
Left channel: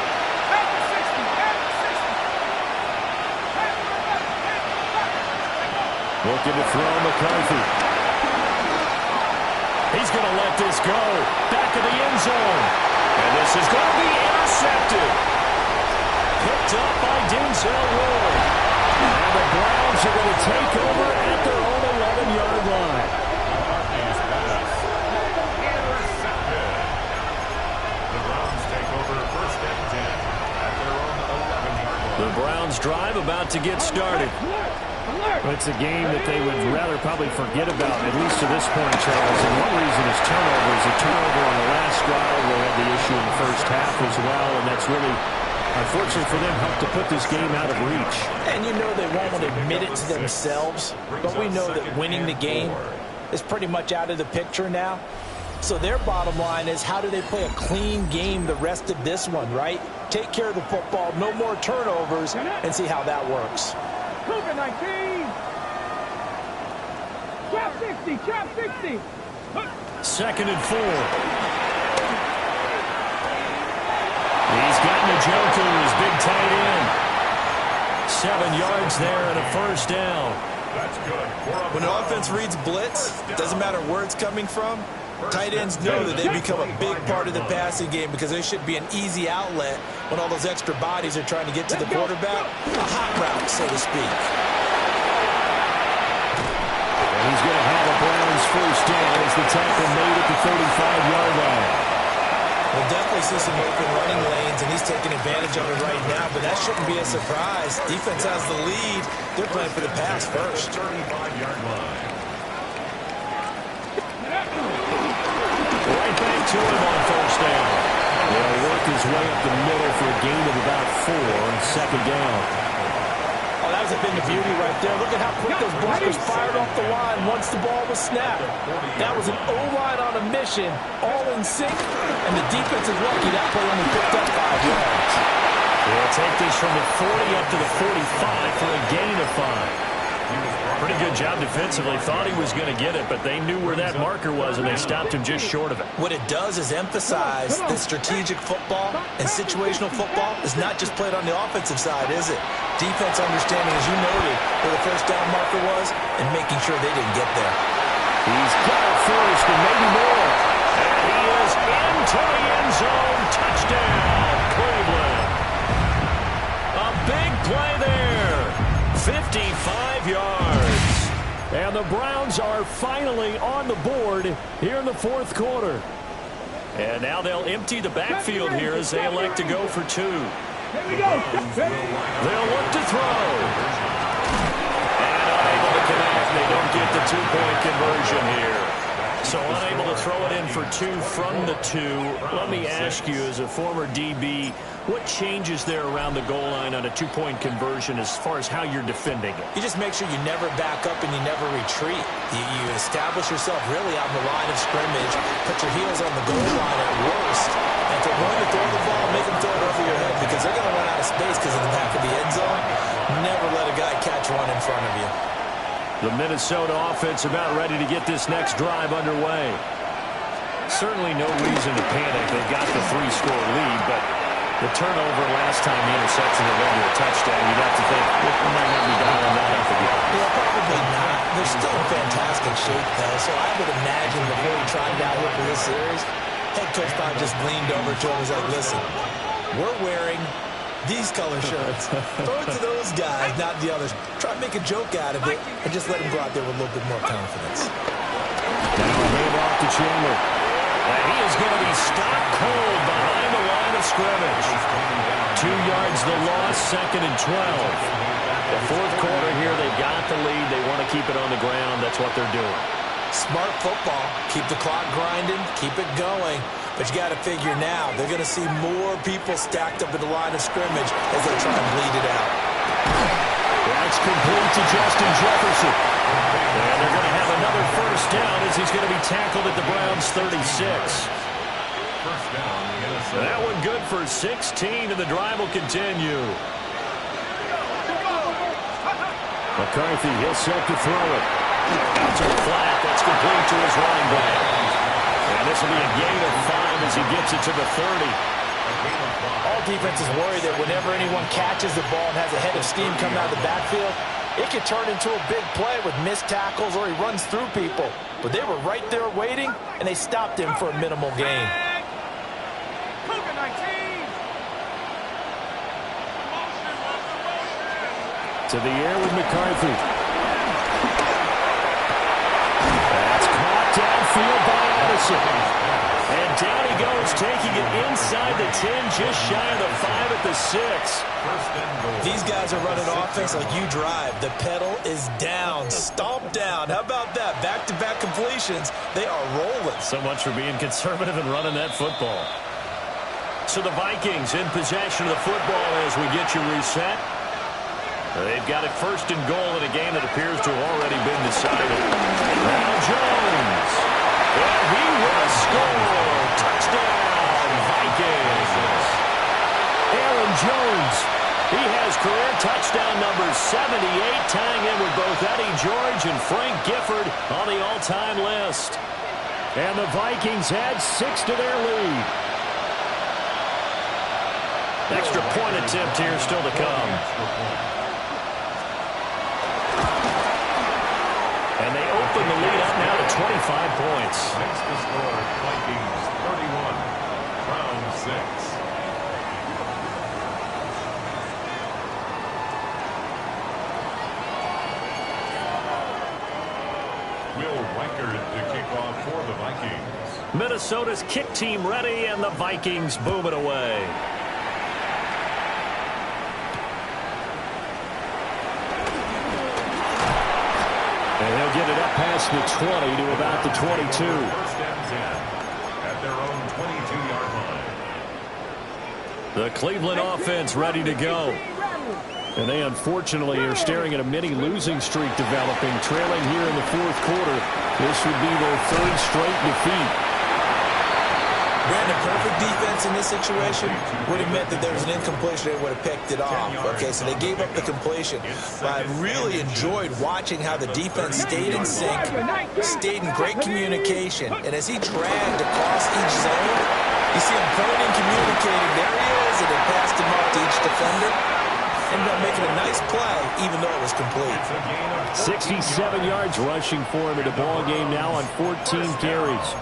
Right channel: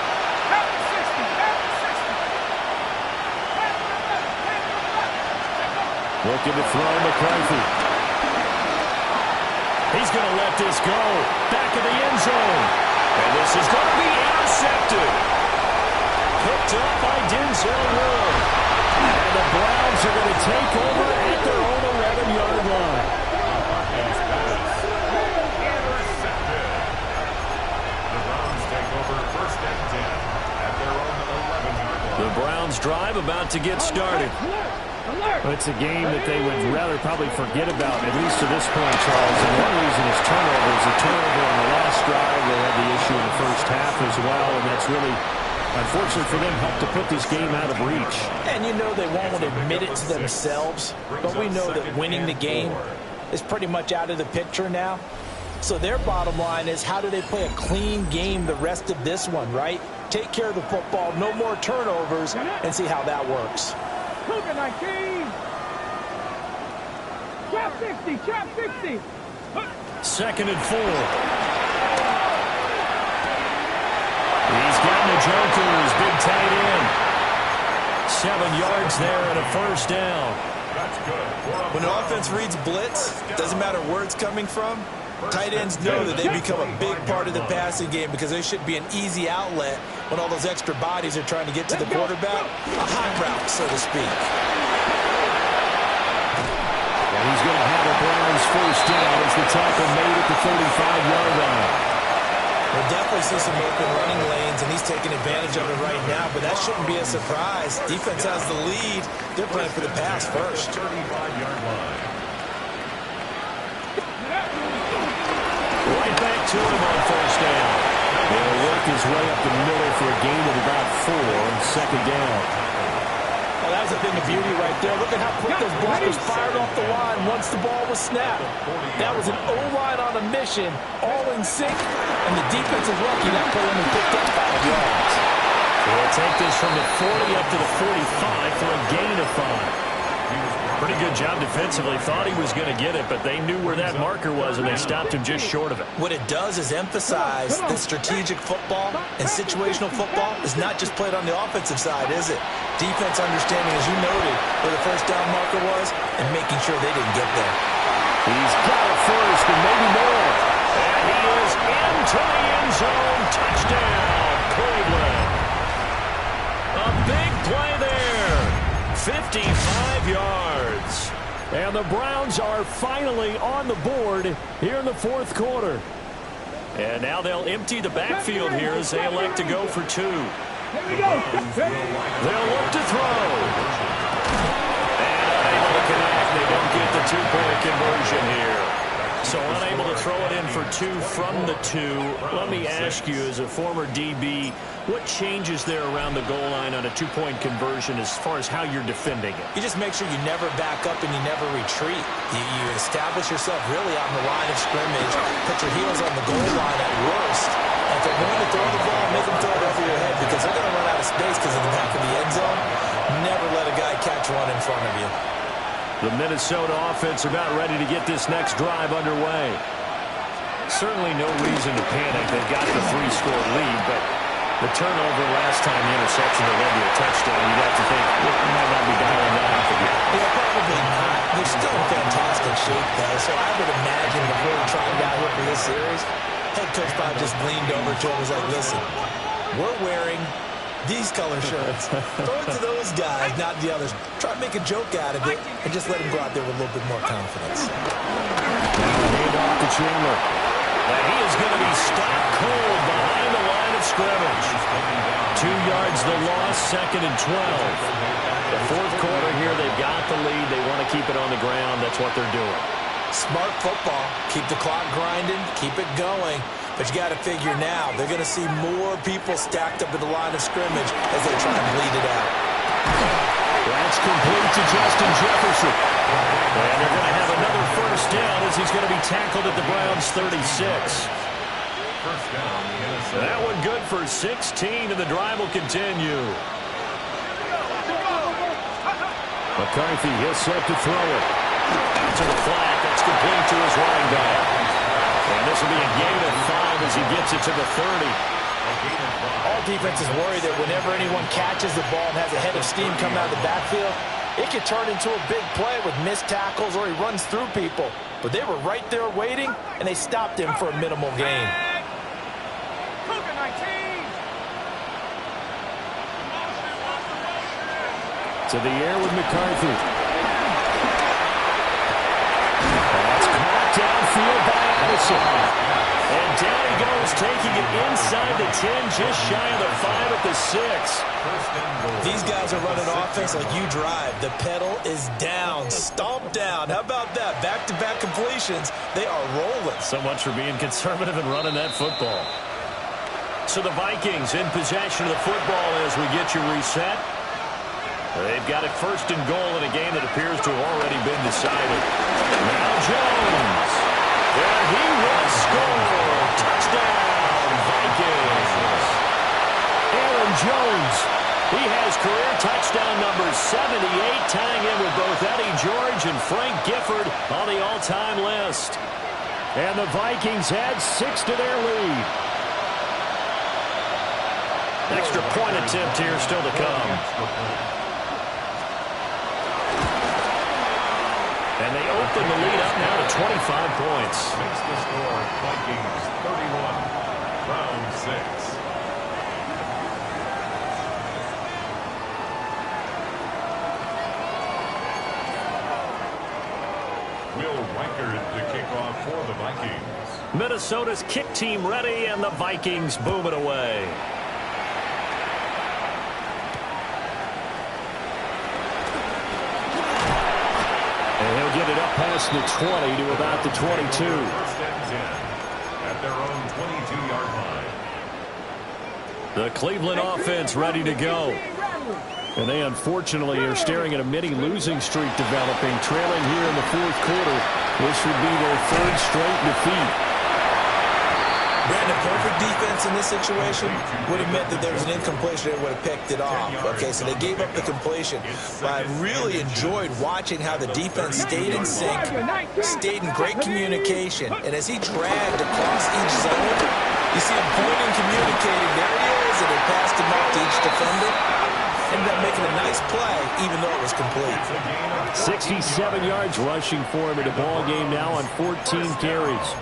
Looking to throw McCarthy. He's going to let this go. Back of the end zone. And this is going to be intercepted. Picked up by Denzel Ward. And the Browns are going to take over at their own 11-yard line. Intercepted. The Browns take over first and 10 at their own 11-yard line. The Browns drive about to get started. It's a game that they would rather probably forget about, at least to this point, Charles. And one reason is turnovers. A turnover on the last drive. They had the issue in the first half as well, and that's really, unfortunate for them, helped to put this game out of reach. And you know they won't want to admit it to themselves, but we know that winning the game is pretty much out of the picture now. So their bottom line is, how do they play a clean game the rest of this one, right? Take care of the football, no more turnovers, and see how that works. Cougar 19. Trap 60, trap 60. 2nd and 4. He's got Njoku, his big tight end. 7 yards there and a first down. That's good. When an offense reads blitz, doesn't matter where it's coming from, tight ends know that they become a big part of the passing game because they should be an easy outlet when all those extra bodies are trying to get to the quarterback. A hot route, so to speak. And he's going to have a Browns first down as the tackle made at the 35-yard line. We'll definitely see some open running lanes, and he's taking advantage of it right now, but that shouldn't be a surprise. Defense has the lead. They're playing for the pass first. 35-yard line. Right back to him on first down. He'll work his way up the middle for a gain of about 4 on 2nd down. Oh, that was a thing of beauty right there. Look at how quick those blockers fired off the line once the ball was snapped. That was an O-line on a mission, all in sync, and the defense is lucky that play only picked up 5 yards. We'll take this from the 40 up to the 45 for a gain of 5. Pretty good job defensively. Thought he was going to get it, but they knew where that marker was, and they stopped him just short of it. What it does is emphasize that strategic football and situational football is not just played on the offensive side, is it? Defense understanding, as you noted, where the first down marker was and making sure they didn't get there. He's got it first and maybe more. And he is into the end zone. Touchdown, Cleveland. A big play there. 55 yards. And the Browns are finally on the board here in the 4th quarter. And now they'll empty the backfield here as they elect to go for 2. Here we go. They'll look to throw. And unable to connect. They don't get the 2-point conversion here. So unable to throw it in for 2 from the 2. Let me ask you, as a former DB, what changes there around the goal line on a 2-point conversion as far as how you're defending it? You just make sure you never back up and you never retreat. You establish yourself really on the line of scrimmage, put your heels on the goal line at worst. And if they're going to throw the ball, make them throw it over your head because they're going to run out of space because of the back of the end zone. Never let a guy catch one in front of you. The Minnesota offense about ready to get this next drive underway. Certainly no reason to panic. They've got the 3-score lead, but the turnover last time, the interception that led to a touchdown, you'd have to think it might not be dialing that up again. Yeah, probably not. They're still in fantastic shape, though, so I would imagine before he tried out here for this series, head coach probably just leaned over to him and was like, listen, we're wearing these color shirts. Throw it to those guys, not the others. Try to make a joke out of it and just let him go out there with a little bit more confidence. Now a handoff to Chandler. And he is going to be stopped cold behind the line of scrimmage. 2 yards the loss, 2nd and 12. The 4th quarter here, they've got the lead. They want to keep it on the ground. That's what they're doing. Smart football. Keep the clock grinding. Keep it going. But you got to figure now, they're going to see more people stacked up at the line of scrimmage as they try and bleed it out. That's complete to Justin Jefferson. And they're going to have another first down as he's going to be tackled at the Browns' 36. First down, Minnesota. That one good for 16, and the drive will continue. McCarthy, he'll set to throw it. Out to the flat. That's complete to his running back. And this will be a gain of 5 as he gets it to the 30. All defenses worry that whenever anyone catches the ball and has a head of steam coming out of the backfield, it could turn into a big play with missed tackles or he runs through people. But they were right there waiting, and they stopped him for a minimal gain. Cougar 19. To the air with McCarthy. That's caught downfield by Addison. And down he goes, taking it inside the 10, just shy of the 5 at the 6. These guys are running offense like you drive. The pedal is down, stomp down. How about that? Back-to-back completions. They are rolling. So much for being conservative and running that football. So the Vikings in possession of the football as we get you reset. They've got it 1st and goal in a game that appears to have already been decided. Now Jones. And he will score. Touchdown, Vikings. Aaron Jones. He has career touchdown number 78, tying in with both Eddie George and Frank Gifford on the all-time list. And the Vikings add 6 to their lead. Extra point attempt here still to come. And they open the lead up now to 25 points. Makes the score Vikings 31, round 6. Will Reichard to kick off for the Vikings. Minnesota's kick team ready, and the Vikings boom it away. And he'll get it up past the 20 to about the 22. First and 10 at their own 22-yard line. The Cleveland offense ready to go. And they unfortunately are staring at a mini losing streak developing, trailing here in the fourth quarter. This would be their third straight defeat. Brandon, perfect defense in this situation would have meant that there was an incompletion. They would have picked it off. Okay, so they gave up the completion. But I really enjoyed watching how the defense stayed in sync, stayed in great communication. And as he dragged across each zone, you see him pointing, communicating. There he is, and it passed him off to each defender. Ended up making a nice play, even though it was complete. 67 yards rushing for him in the ball game now on 14 carries.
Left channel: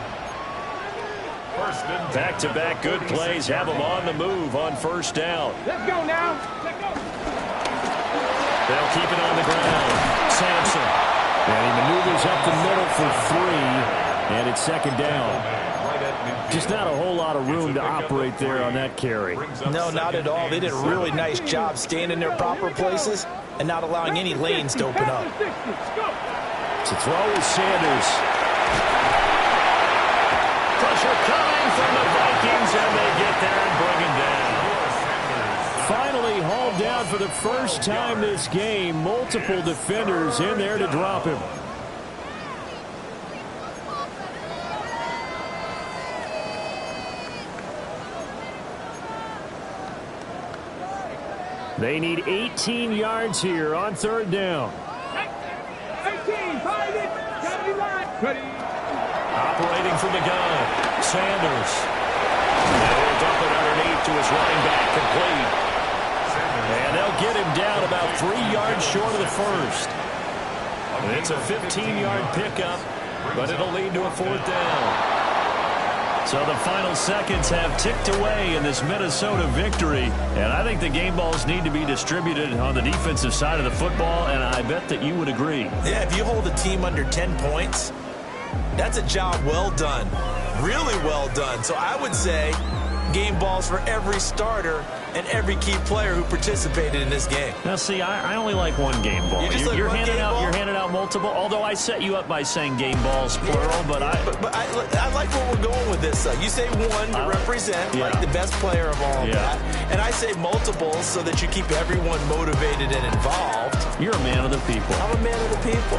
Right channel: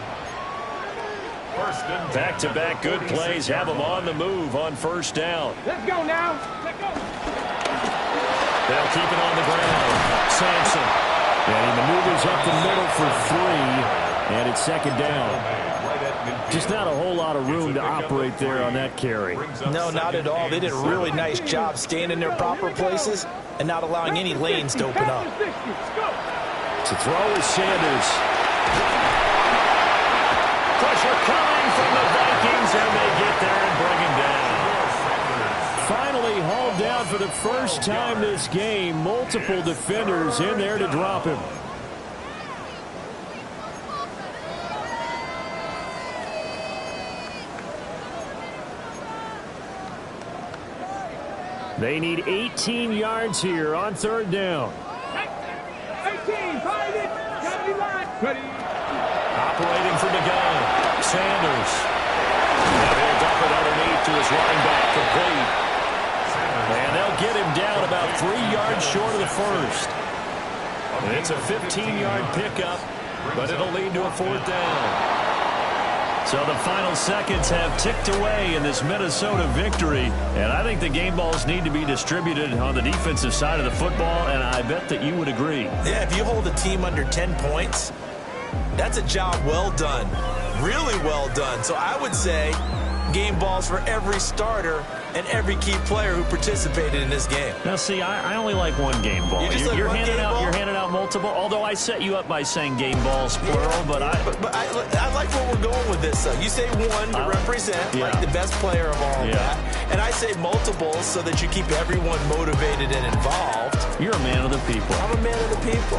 Back-to-back good plays have him on the move on first down. Let's go now. Let's go. They'll keep it on the ground. Sampson. And he maneuvers up the middle for 3. And it's second down. Just not a whole lot of room to operate there on that carry. No, not at all. They did a really nice job staying in their proper places and not allowing any lanes to open up. To throw is Sanders. Pressure coming from the Vikings, and they get there and bring him down. Finally hauled down for the first time this game. Multiple defenders in there to drop him. They need 18 yards here on third down. 18, find it. Gotta be line. Ready. Operating from the gun, Sanders. Now he'll dump it underneath to his running back, complete. And they'll get him down about 3 yards short of the first. And it's a 15-yard pickup, but it'll lead to a fourth down. So the final seconds have ticked away in this Minnesota victory. And I think the game balls need to be distributed on the defensive side of the football, and I bet that you would agree. Yeah, if you hold a team under 10 points, that's a job well done. Really well done. So I would say game balls for every starter and every key player who participated in this game. Now, see, I only like one game ball. You're handing out multiple, although I set you up by saying game balls, plural, but I like where we're going with this. You say one to represent, like the best player of all that, and I say multiples so that you keep everyone motivated and involved. You're a man of the people. I'm a man of the people.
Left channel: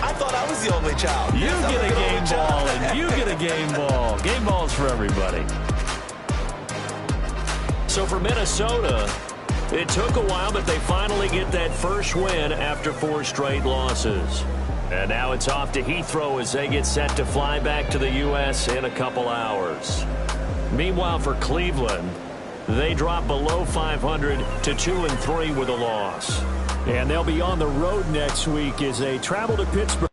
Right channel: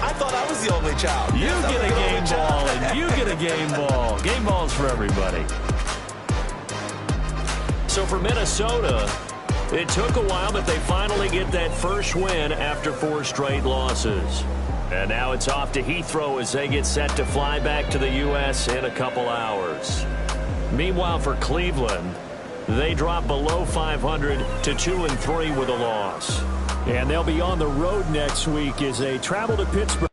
I thought I was the only child. You get a game ball, and you get a game ball. Game balls for everybody. So for Minnesota, it took a while, but they finally get that first win after 4 straight losses. And now it's off to Heathrow as they get set to fly back to the U.S. in a couple hours. Meanwhile, for Cleveland, they drop below 500 to 2-3 with a loss. And they'll be on the road next week as they travel to Pittsburgh.